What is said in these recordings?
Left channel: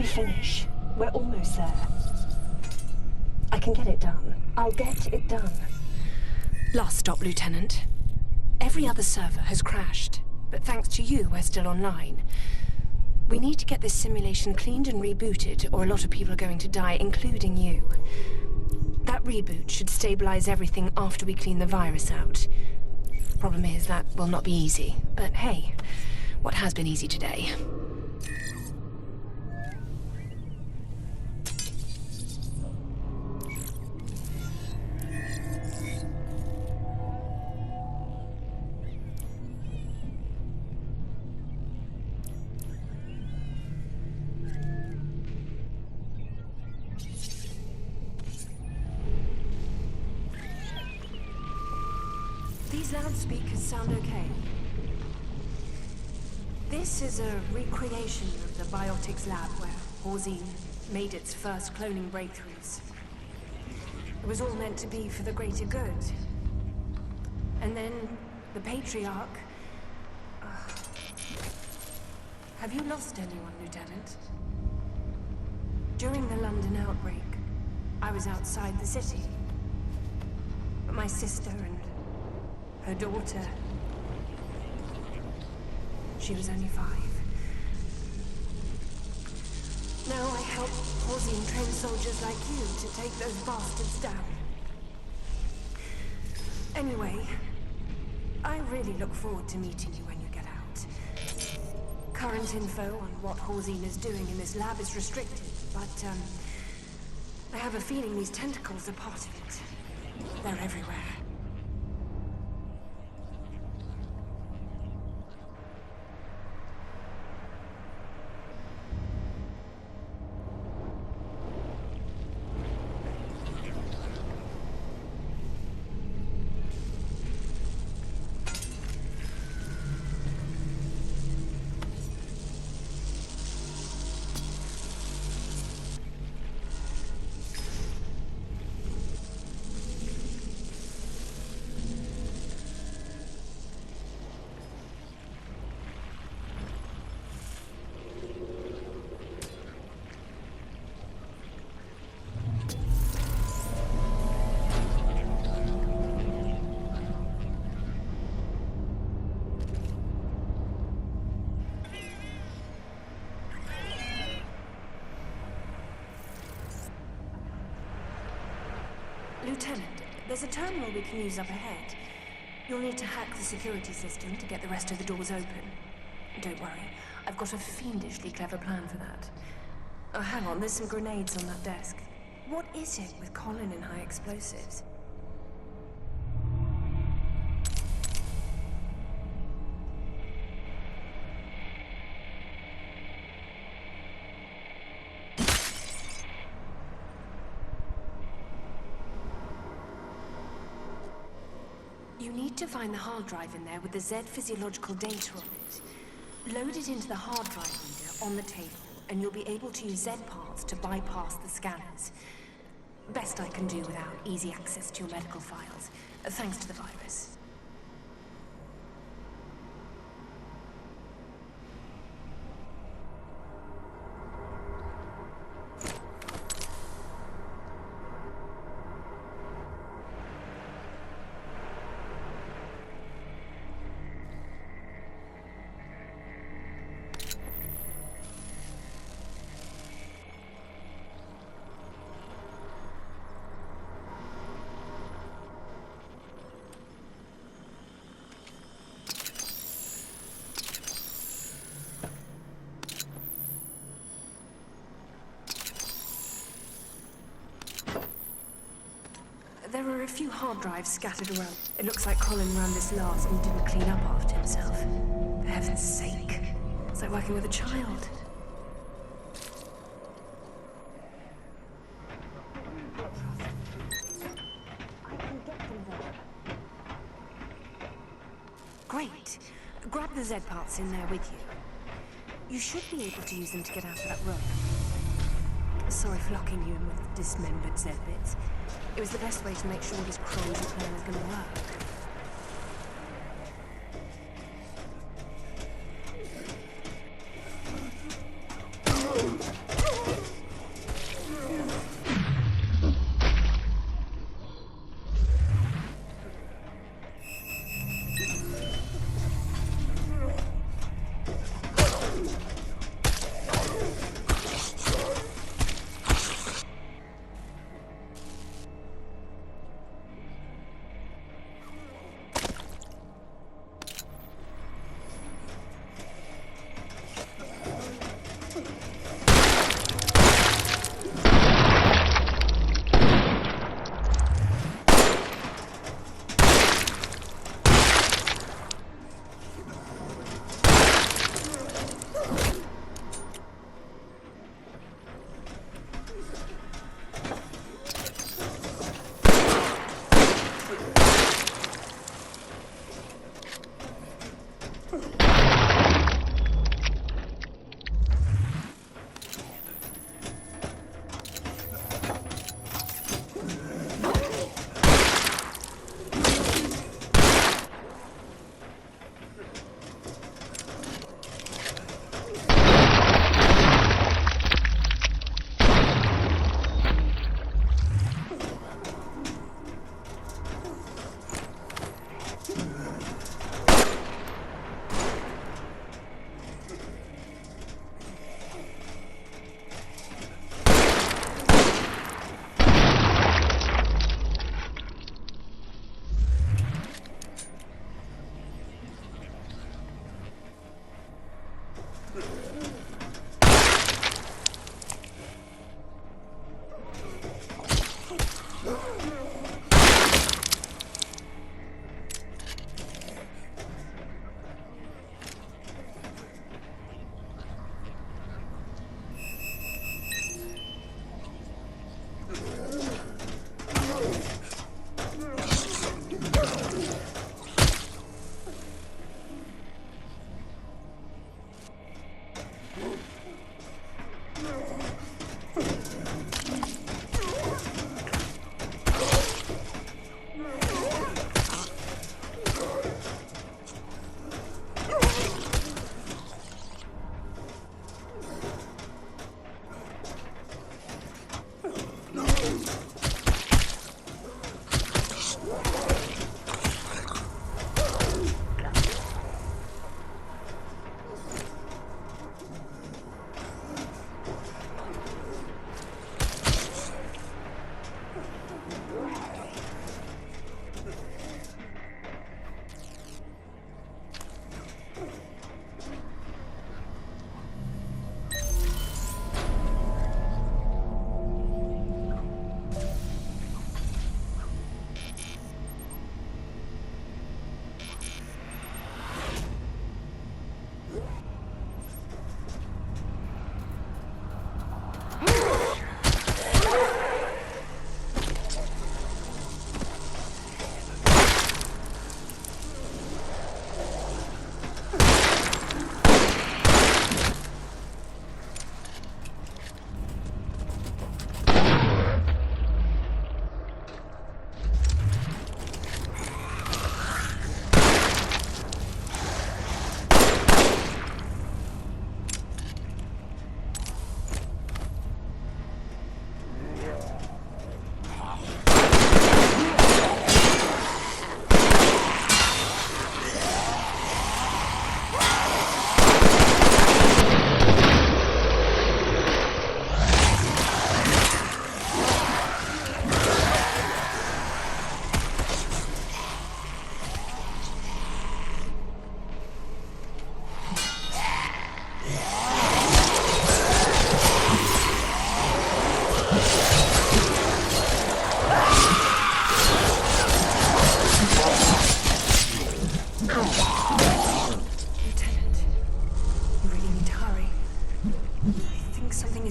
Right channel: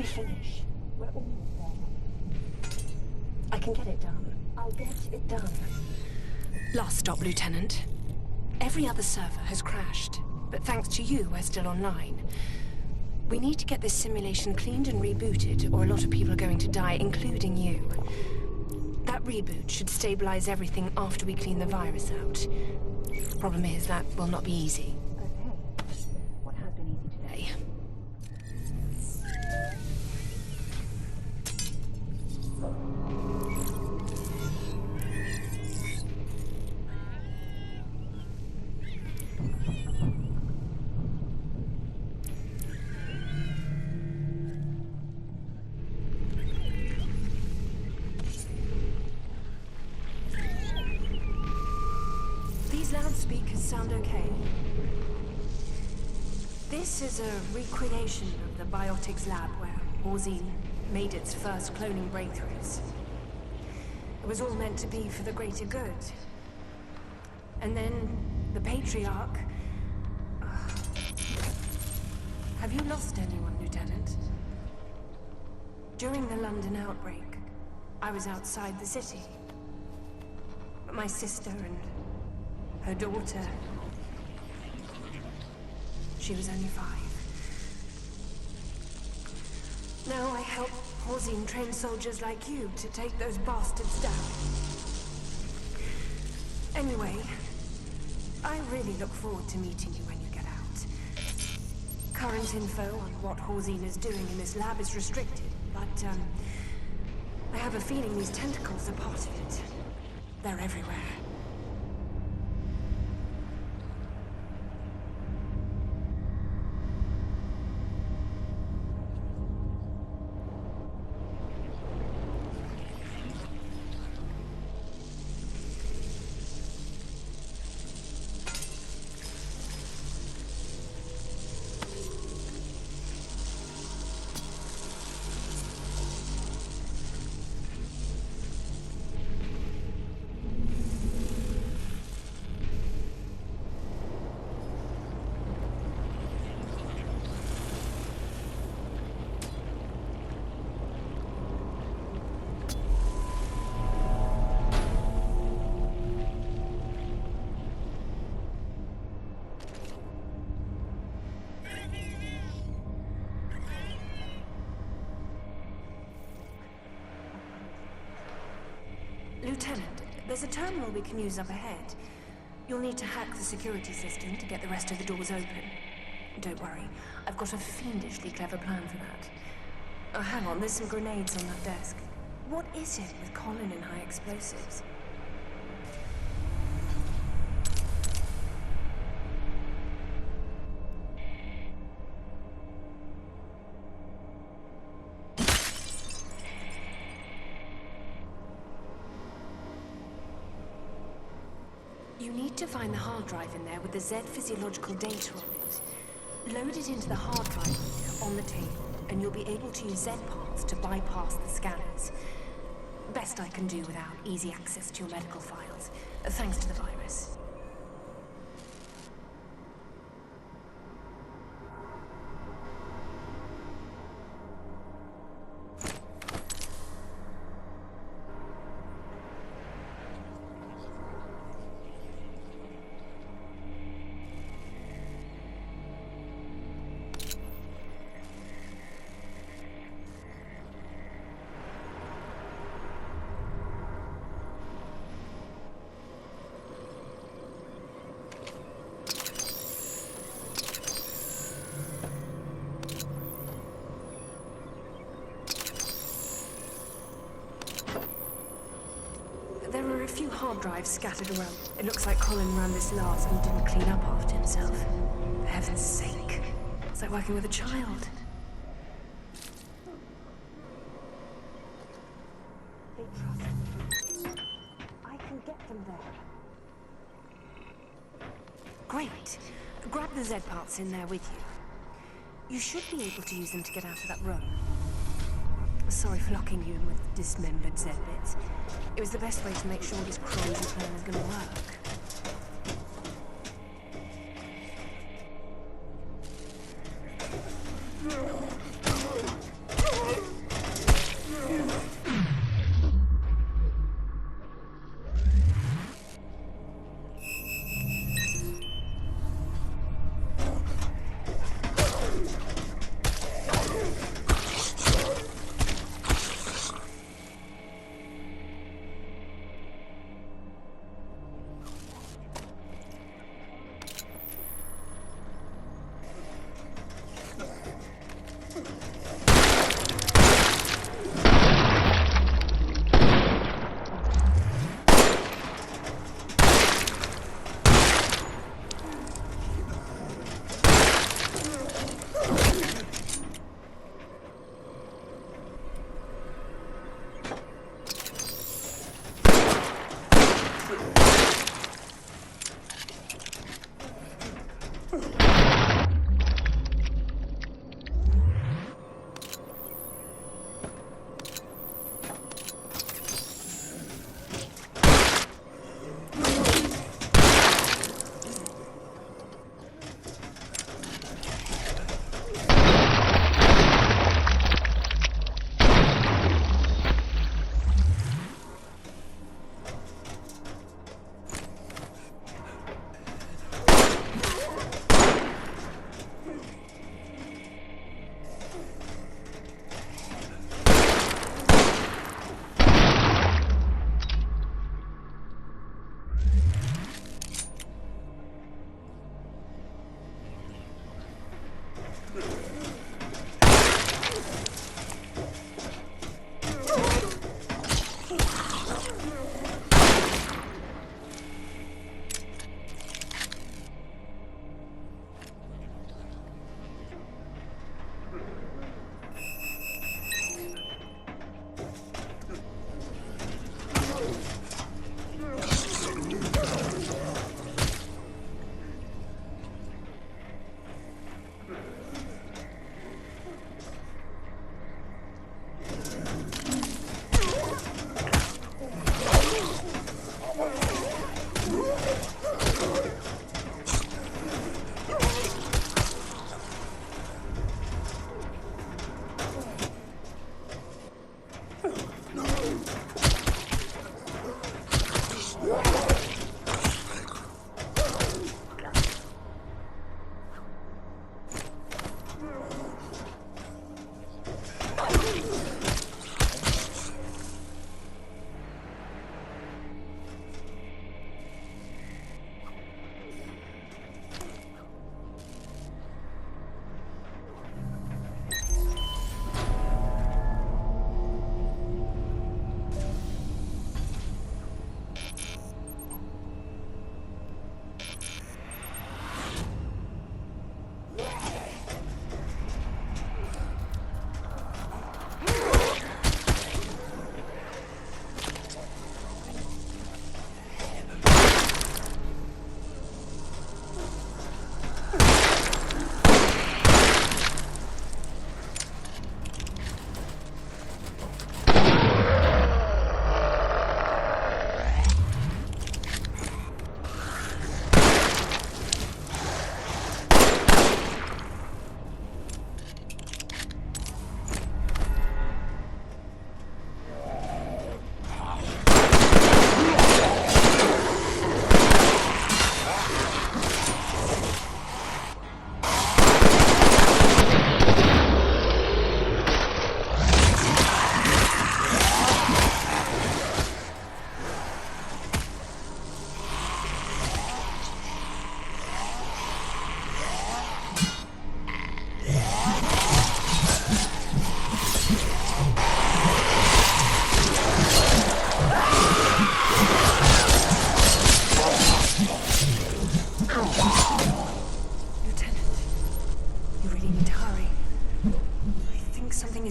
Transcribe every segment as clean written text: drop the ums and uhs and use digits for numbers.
we finish? We're almost there. I can get it done. I'll get it done. Last stop, Lieutenant. Every other server has crashed, but thanks to you, we're still online. We need to get this simulation cleaned and rebooted, or a lot of people are going to die, including you. That reboot should stabilize everything after we clean the virus out. Problem is, that will not be easy. But hey, what has been easy today? These loudspeakers sound okay. This is a recreation of the biotics lab where Horzine made its first cloning breakthroughs. It was all meant to be for the greater good. And then the Patriarch... Have you lost anyone, Lieutenant? During the London outbreak, I was outside the city. But my sister and her daughter... She was only 5. Now I help Horzine train soldiers like you to take those bastards down. Anyway, I really look forward to meeting you when you get out. Current info on what Horzine is doing in this lab is restricted, but I have a feeling these tentacles are part of it. They're everywhere. Lieutenant, there's a terminal we can use up ahead. You'll need to hack the security system to get the rest of the doors open. Don't worry, I've got a fiendishly clever plan for that. Oh, hang on, there's some grenades on that desk. What is it with Colin and high explosives? You need to find the hard drive in there with the Z physiological data on it. Load it into the hard drive on the table, and you'll be able to use Z parts to bypass the scanners. Best I can do without easy access to your medical files, thanks to the virus. There are a few hard drives scattered around. It looks like Colin ran this last and didn't clean up after himself. For heaven's sake. It's like working with a child. I can get them there. Great. Grab the Z parts in there with you. You should be able to use them to get out of that room. Sorry for locking you in with dismembered Z bits. It was the best way to make sure this crazy plan is going to work.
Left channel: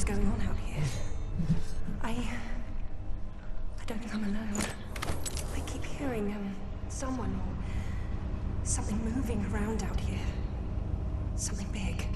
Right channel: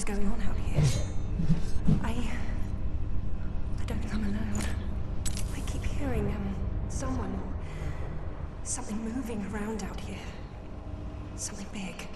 going on out here. I don't think I'm alone. I keep hearing, someone or something moving around out here. Something big.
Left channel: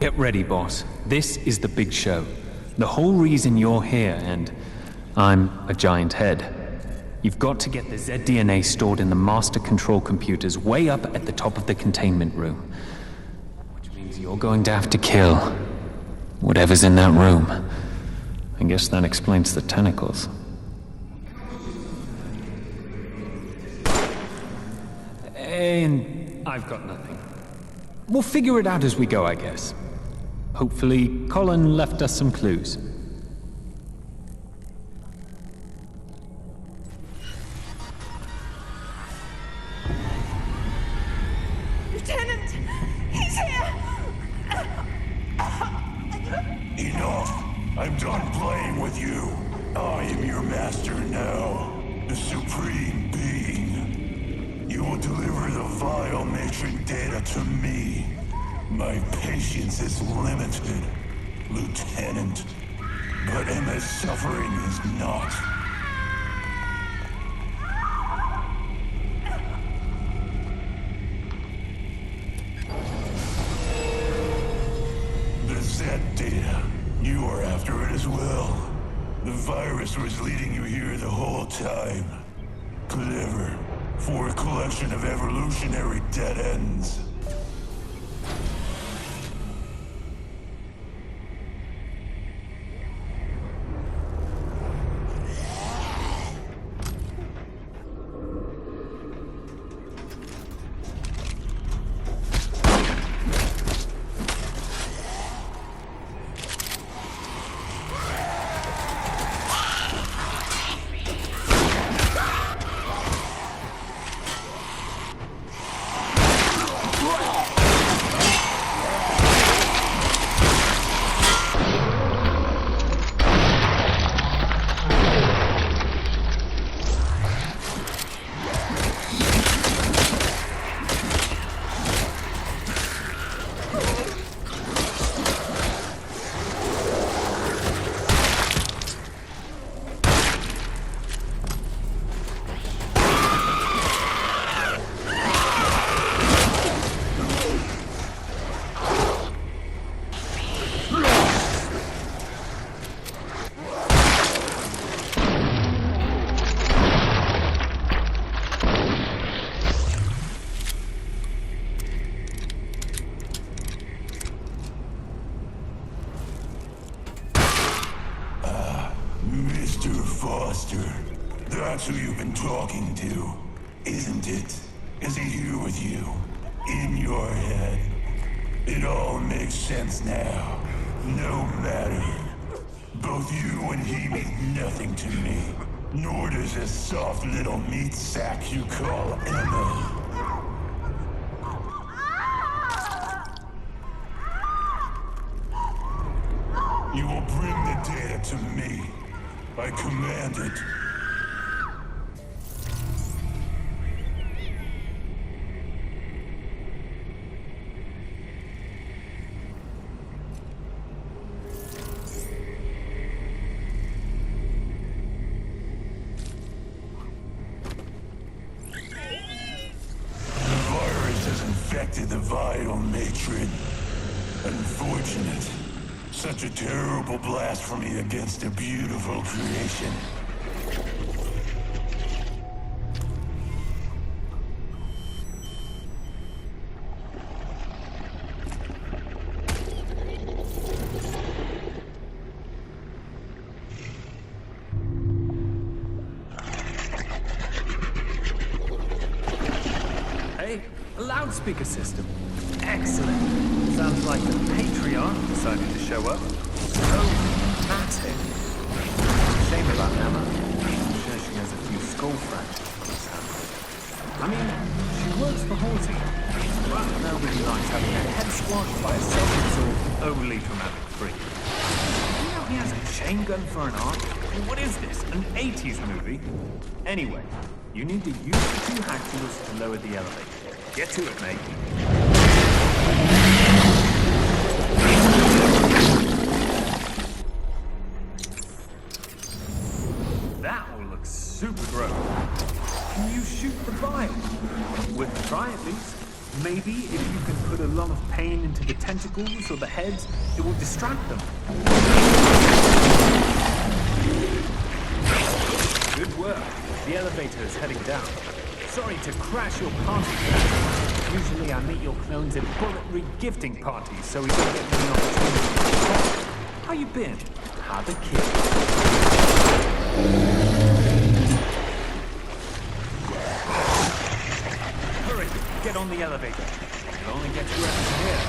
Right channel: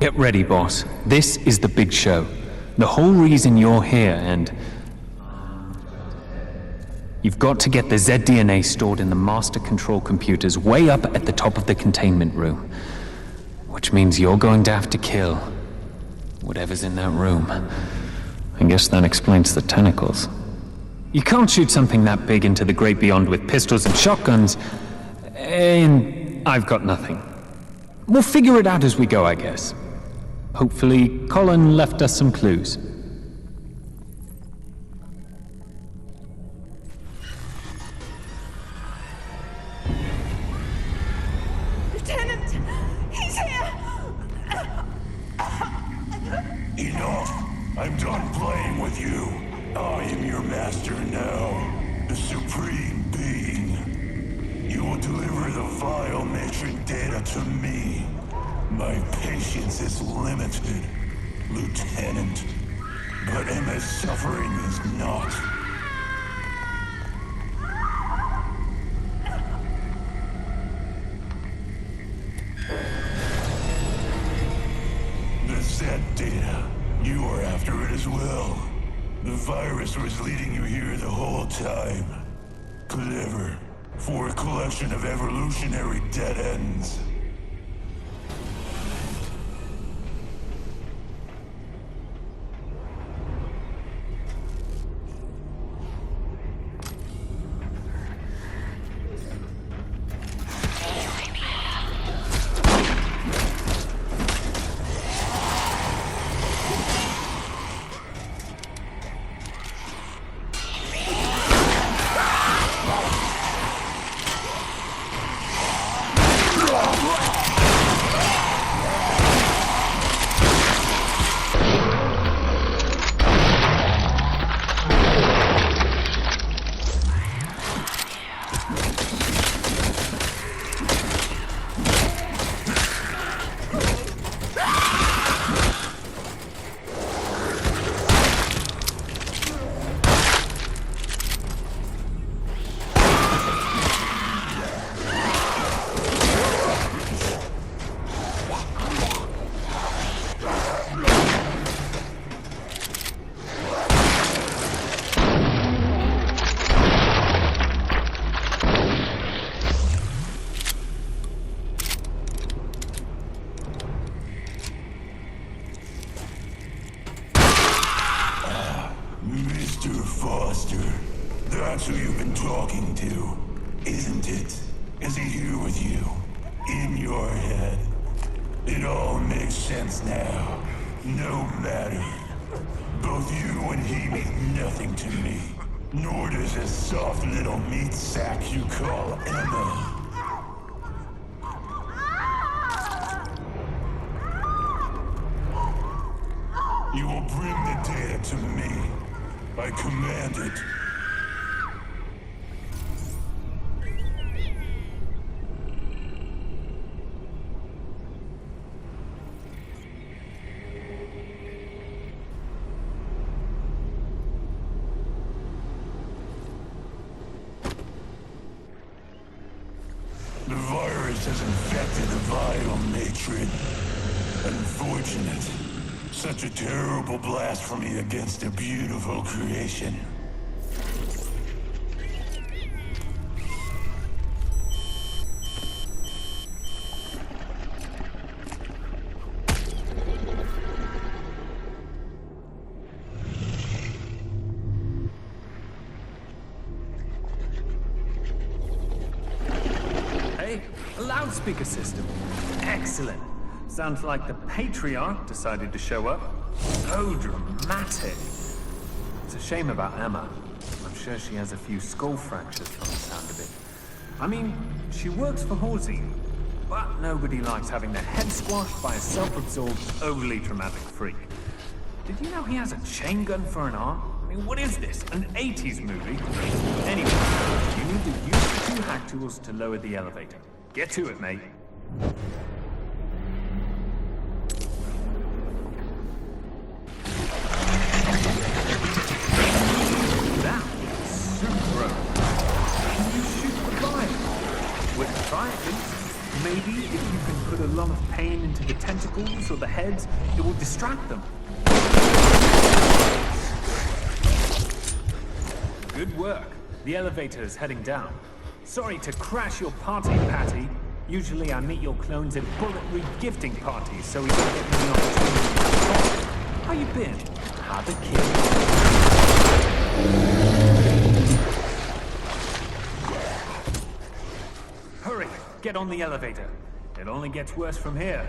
Get ready, boss. This is the big show. The whole reason you're here, and I'm a giant head. You've got to get the Z-DNA stored in the master control computers way up at the top of the containment room. Which means you're going to have to kill whatever's in that room. I guess that explains the tentacles. You can't shoot something that big into the great beyond with pistols and shotguns, and I've got nothing. We'll figure it out as we go, I guess. Hopefully, Colin left us some clues. Lieutenant! He's here! Enough! I'm done playing with you. I am your master now, the Supreme Being. You will deliver the vile matron data to me. My patience is limited, Lieutenant. But Emma's suffering is not. The Z data. You are after it as well. The virus was leading you here the whole time. Clever. For a collection of evolutionary dead ends. Foster. That's who you've been talking to, isn't it? Is he here with you? In your head? It all makes sense now. No matter. Both you and he mean nothing to me. Nor does this soft little meat sack you call Emma. You will bring the data to me. I command it. The virus has infected the vital matron. Unfortunate. Such a terrible blasphemy against a beautiful creation. Hey, a loudspeaker system. Excellent. Sounds like the Patriarch decided to show up. So dramatic. It's a shame about Emma. I'm sure she has a few skull fractures from the sound of it. I mean, she works for Halsey, but nobody likes having their head squashed by a self-absorbed, overly dramatic freak. Did you know he has a chain gun for an arm? I mean, what is this, an 80s movie? Anyway, you need to use the 2 hack tools to lower the elevator. Get to it, mate. That looks super open. Can you shoot the vial? We'll try at least. Maybe if you can put a lot of pain into the tentacles or the heads, it will distract them. Good work. The elevator is heading down. Sorry to crash your party, Patty. Usually I meet your clones at bullet re-gifting parties, so we don't get many opportunities. How you been? How the kid? Hurry! Get on the elevator. It only gets worse from here.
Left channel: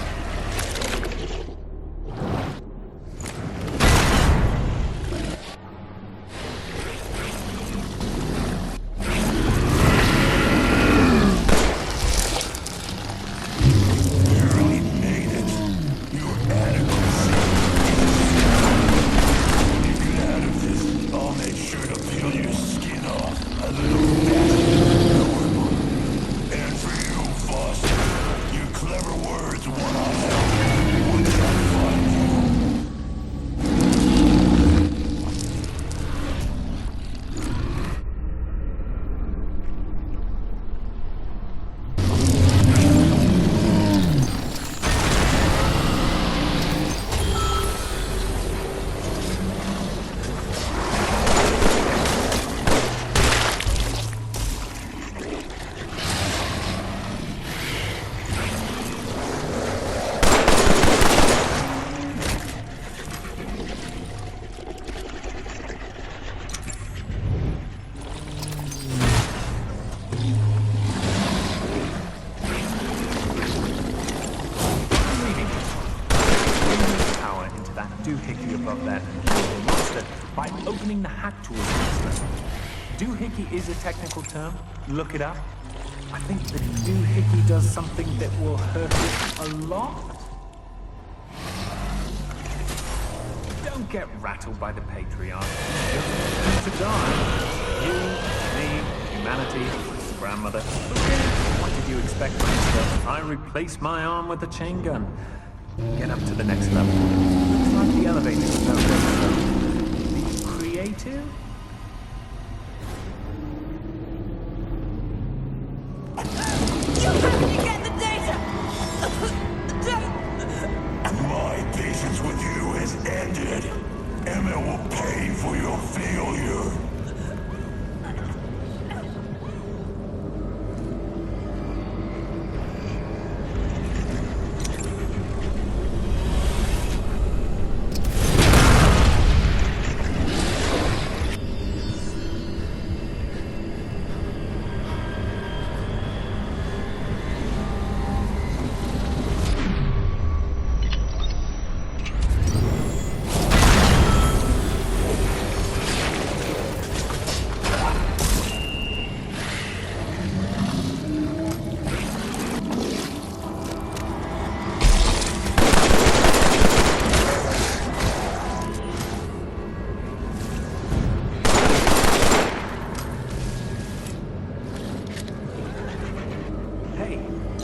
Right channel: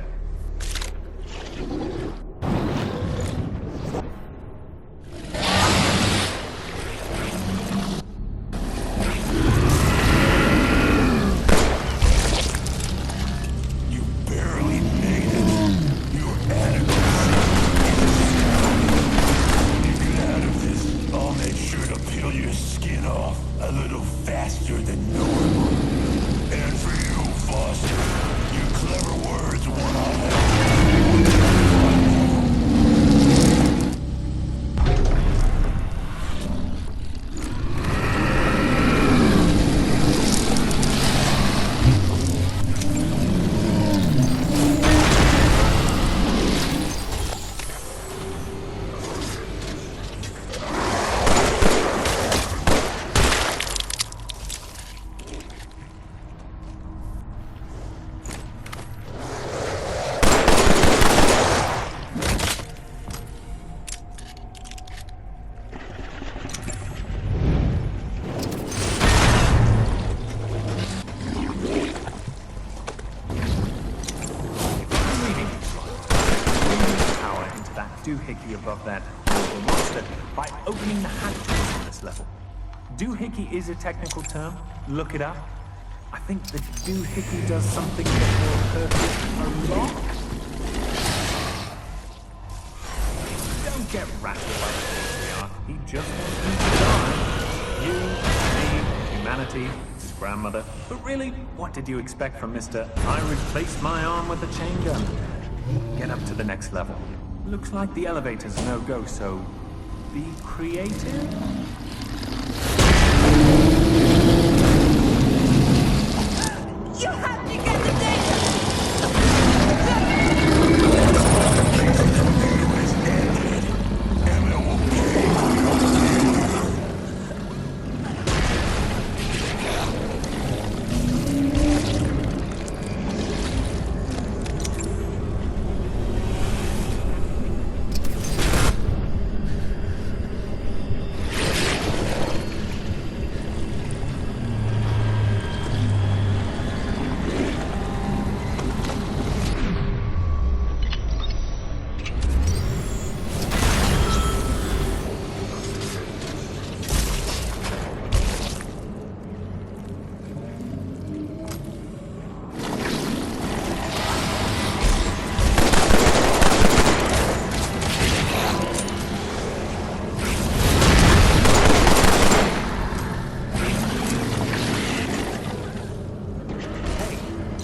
Doohickey above that monster by opening the hack tools on this level. Doohickey is a technical term. Look it up. I think the doohickey does something that will hurt it a lot. Don't get rattled by the Patriarch. He just wants you to die. You, me, humanity, his grandmother. But really, what did you expect from Mr. I replaced my arm with a chain gun? Get up to the next level. Looks like the elevator's no go, so be creative? You have to get the data! My patience with you has ended. Emma will pay for your failure.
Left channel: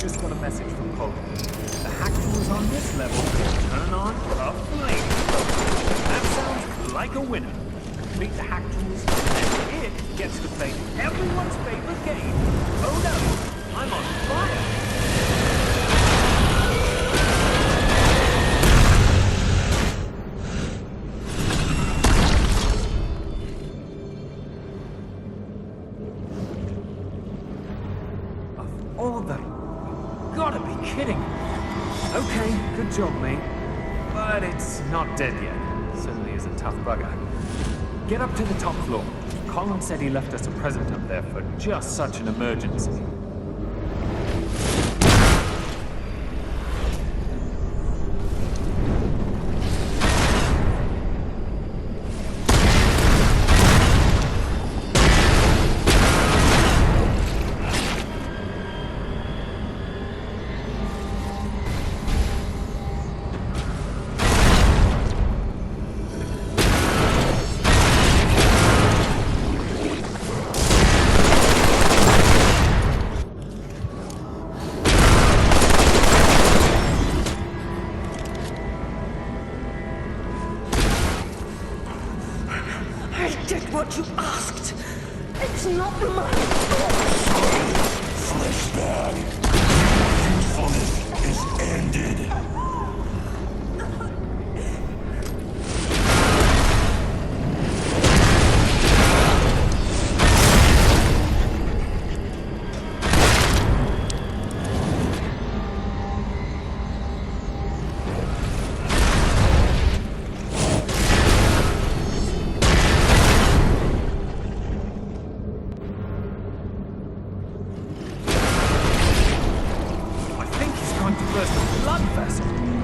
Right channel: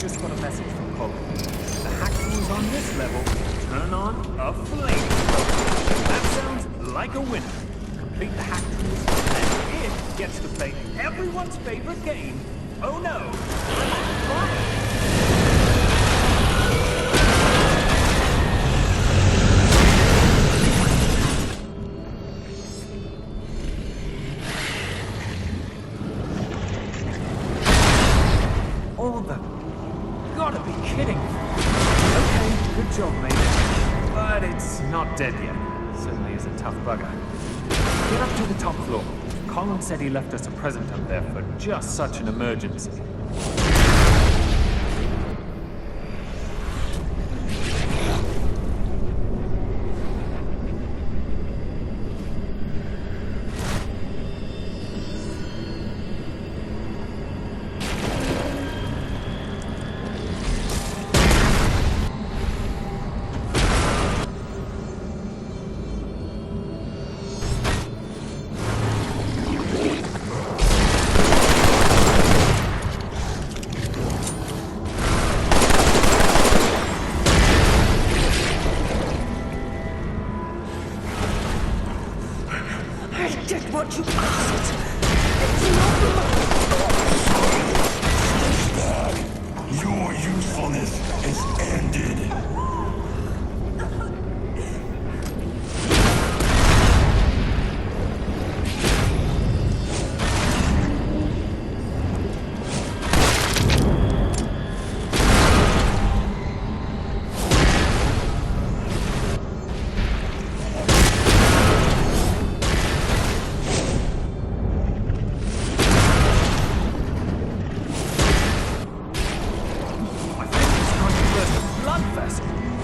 just got a message from Colin. The hack tools on this level turn on a flamethrower. That sounds like a winner. Complete the hack tools, and it gets to play everyone's favorite game. Oh no, I'm on fire! All of them. You gotta be kidding. Okay, good job, mate. But it's not dead yet. Certainly is a tough bugger. Get up to the top floor. Colin said he left us a present up there for just such an emergency. I did what you asked. It's not my Flashback. Your usefulness is ended.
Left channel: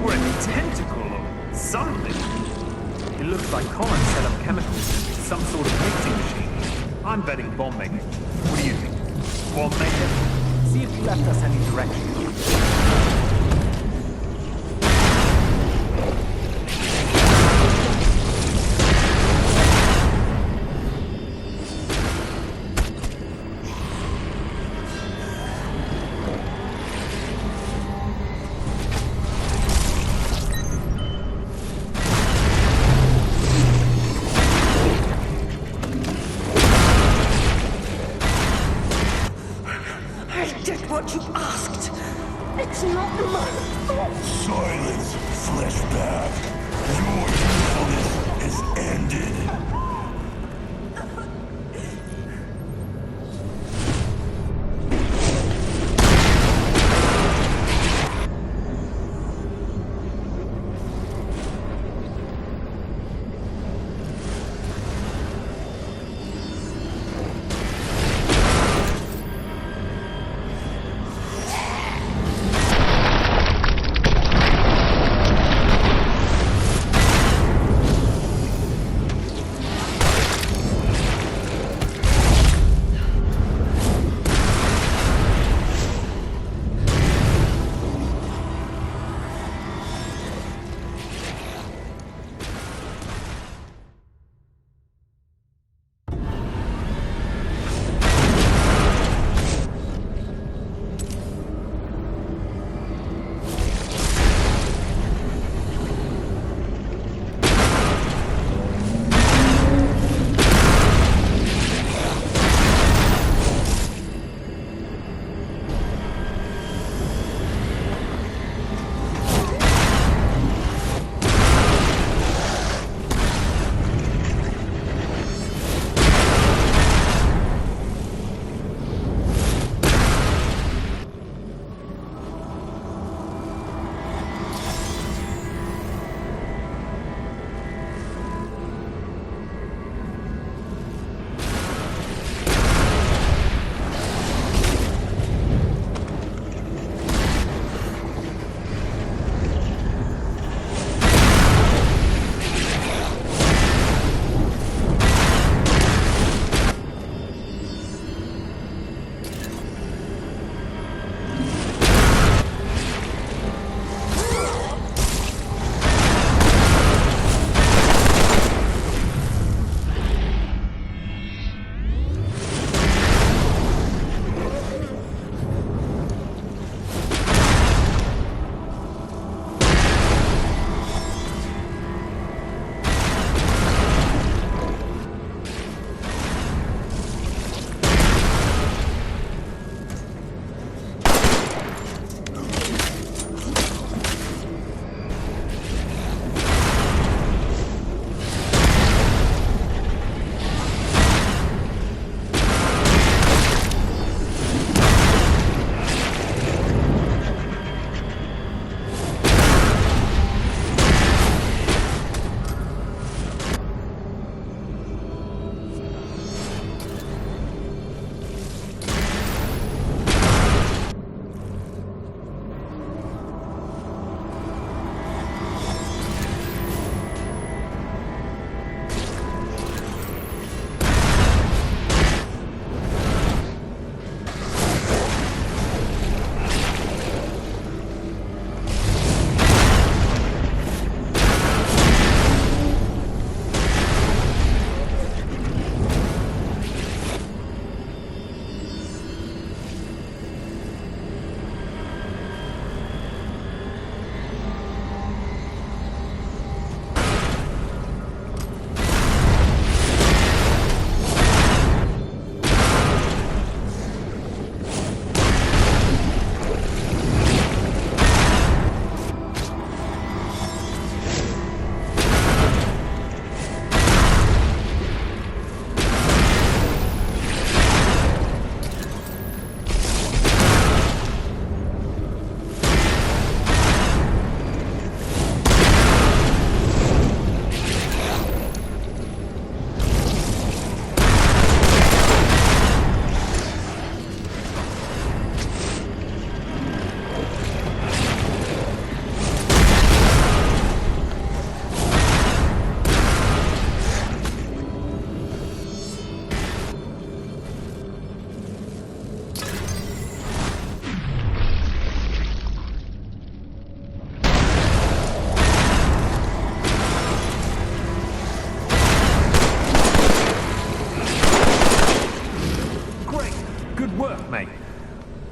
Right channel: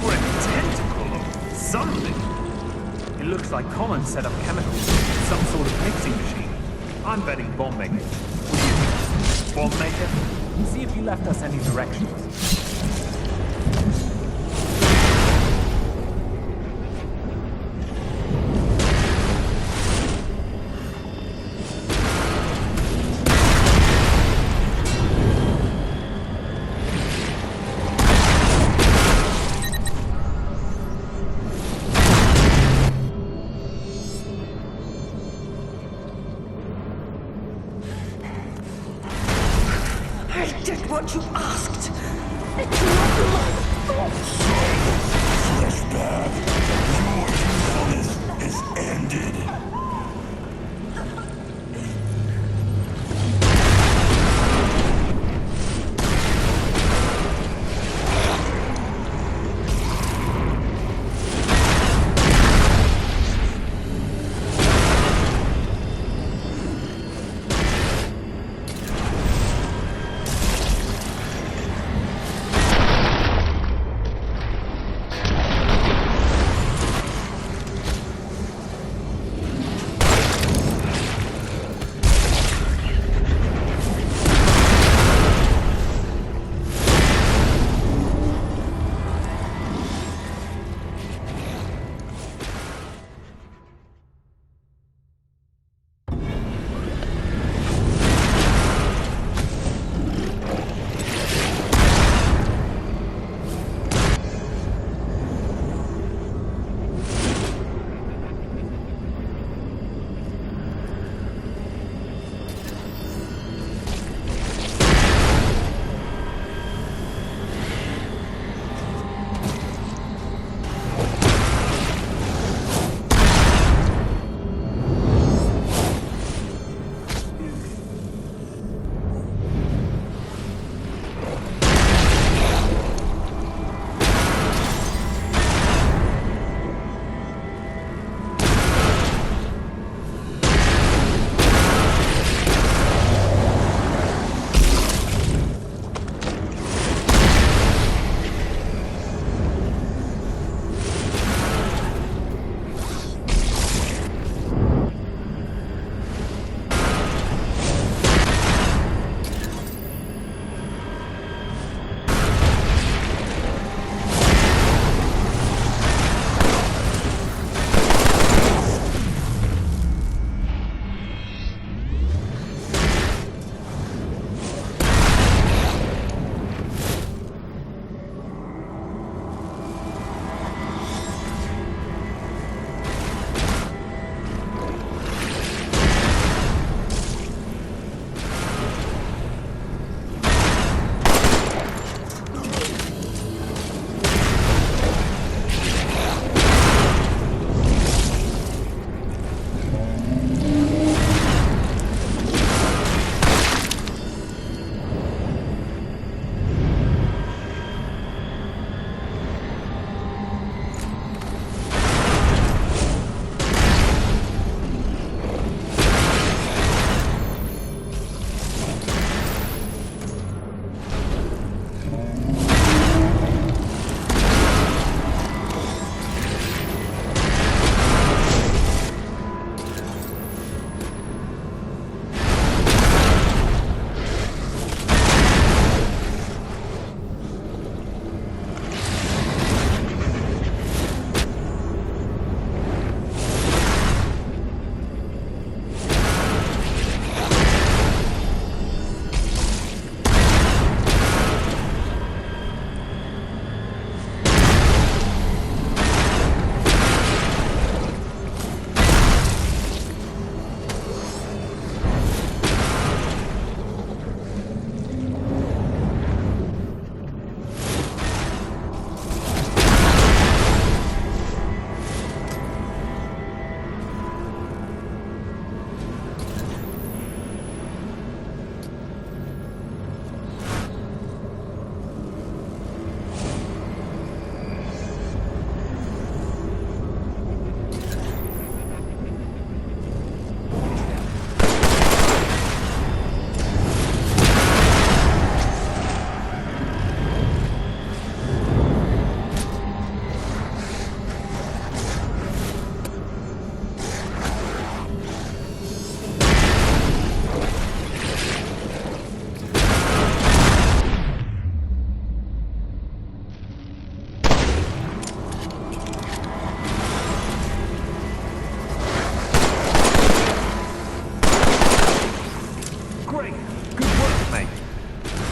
Or a tentacle or something. It looks like Colin set up chemicals with some sort of mixing machine. I'm betting bomb maker. What do you think? Bomb maker? See if he left us any direction. I did what you asked. It's not my fault. Silence, Flashback. Your usefulness is ended.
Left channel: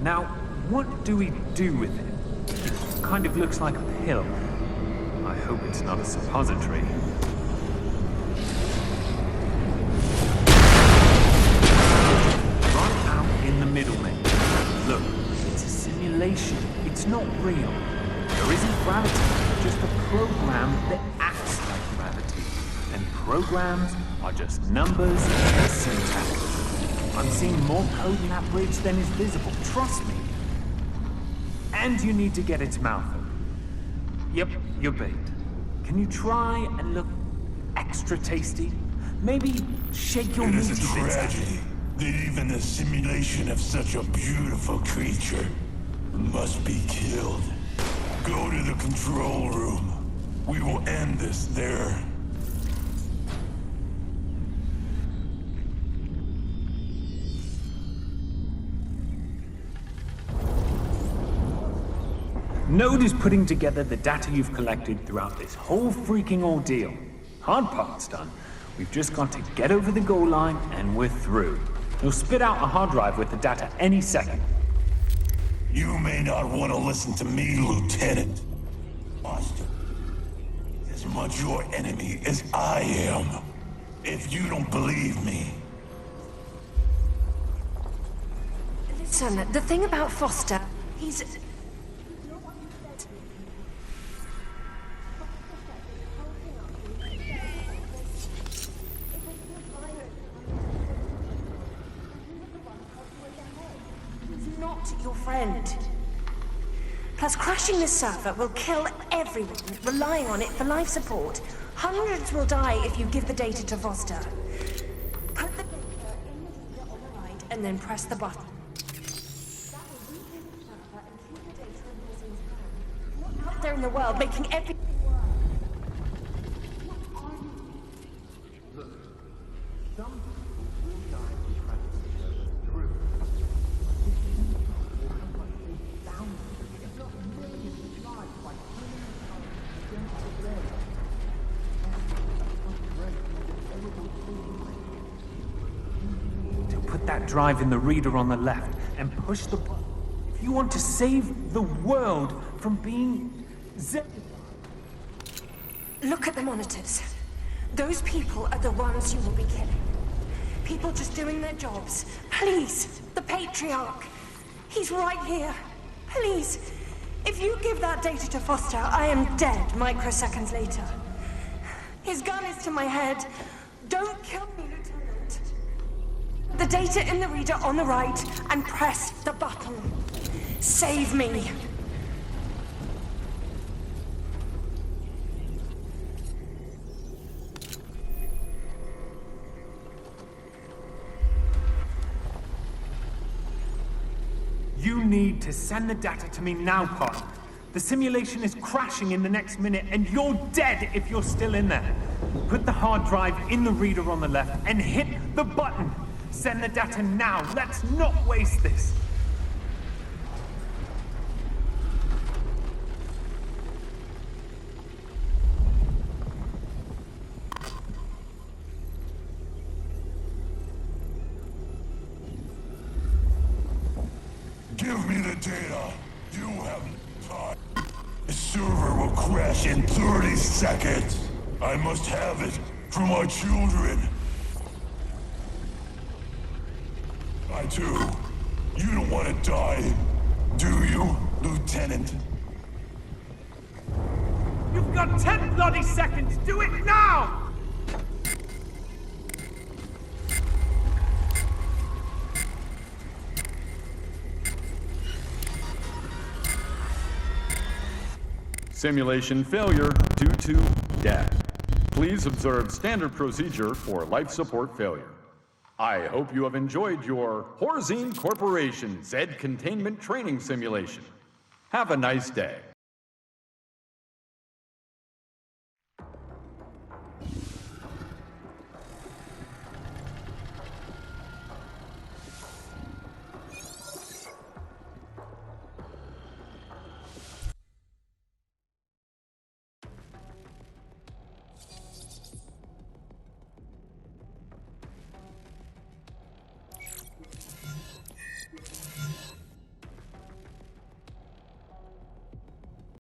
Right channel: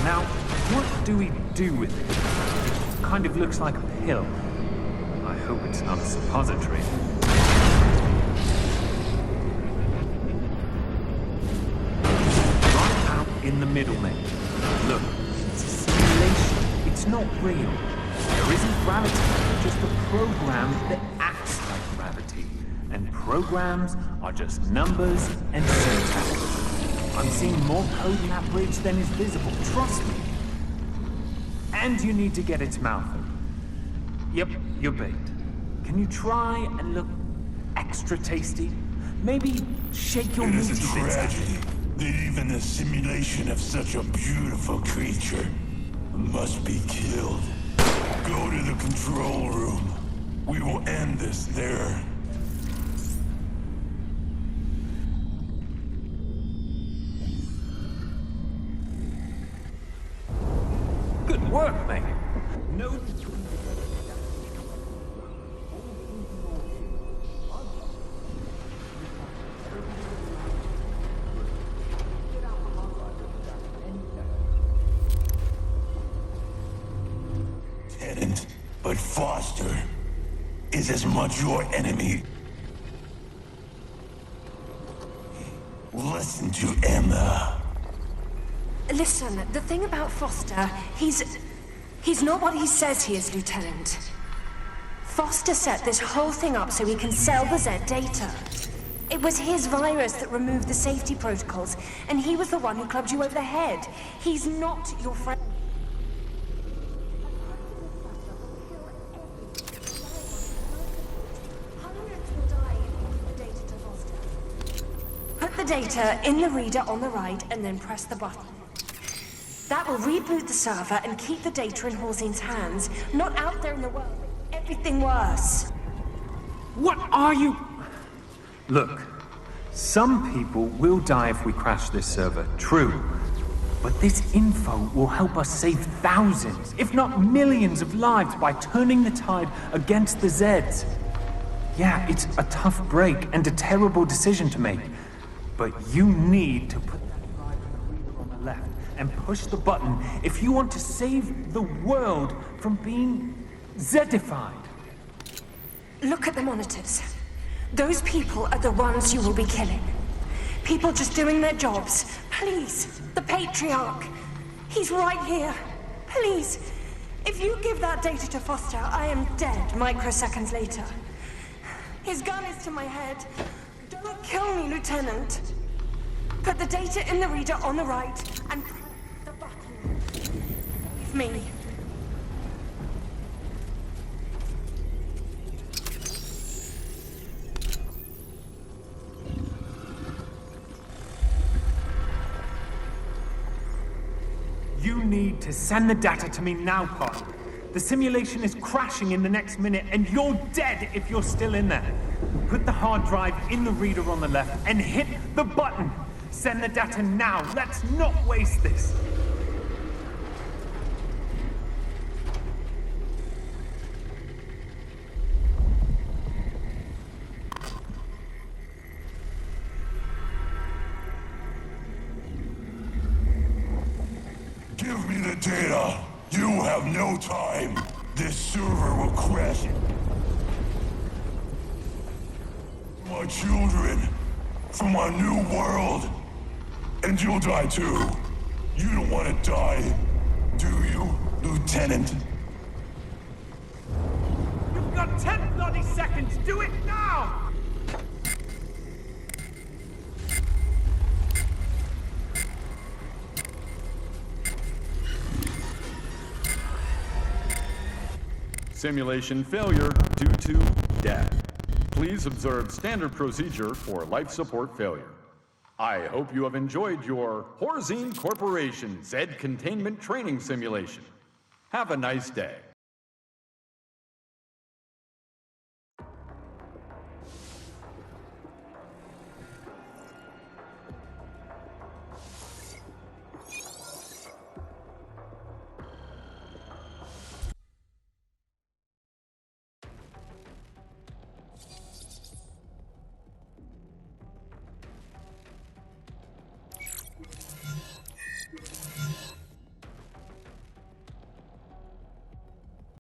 Now, what do we do with it? It kind of looks like a pill. I hope it's not a suppository. Right out in the middle, mate. Look, it's a simulation. It's not real. There isn't gravity, just a program that acts like gravity. And programs are just numbers and syntax. I'm seeing more code in that bridge than is visible, trust me. And you need to get its mouth open. Yep, you're bait. Can you try and look extra tasty? Maybe shake your It is meaty a bits at tragedy that even the simulation of such a beautiful creature must be killed. Go to the control room. We will end this there. Good work, mate. Node is putting together the data you've collected throughout this whole freaking ordeal. Hard part's done. We've just got to get over the goal line and we're through. You'll spit out a hard drive with the data any second. You may not want to listen to me, Lieutenant, but Foster is as much your enemy as I am. If you don't believe me, listen to Emma. Listen, the thing about Foster, he's not what he says he is, Lieutenant. Foster set this whole thing up so he can sell the Z data. It was his virus that removed the safety protocols, and he was the one who clubbed you over the head. He's not your friend. Plus, crashing this server will kill everyone relying on it for life support. Hundreds will die if you give the data to Foster. Put the data in the reader on the right, and then press the button. That will reboot the server and keep the data in Horzine's hands, not out there in the world, making everything worse. What are you... Look, some people will die if we crash this server, true. But this info will help us save thousands, if not millions of lives by turning the tide against the Zeds. Yeah, it's a tough break and a terrible decision to make. But you need to put that drive in the reader on the left and push the button if you want to save the world from being Zedified. Look at the monitors. Those people are the ones you will be killing. People just doing their jobs. Please, the Patriarch. He's right here. Please. If you give that data to Foster, I am dead microseconds later. His gun is to my head. Don't kill me, Lieutenant. Put the data in the reader on the right and press the button. Save me. You need to send the data to me now, partner. The simulation is crashing in the next minute, and you're dead if you're still in there. Put the hard drive in the reader on the left and hit the button. Send the data now. Let's not waste this. Give me the data. You have no time. This server will crash in 30 seconds. I must have it for my children, for my new world. And you'll die too. You don't want to die, do you, Lieutenant? You've got 10 bloody seconds. Do it now! Simulation failure due to death. Please observe standard procedure for life support failure. I hope you have enjoyed your Horzine Corporation Zed Containment Training Simulation. Have a nice day.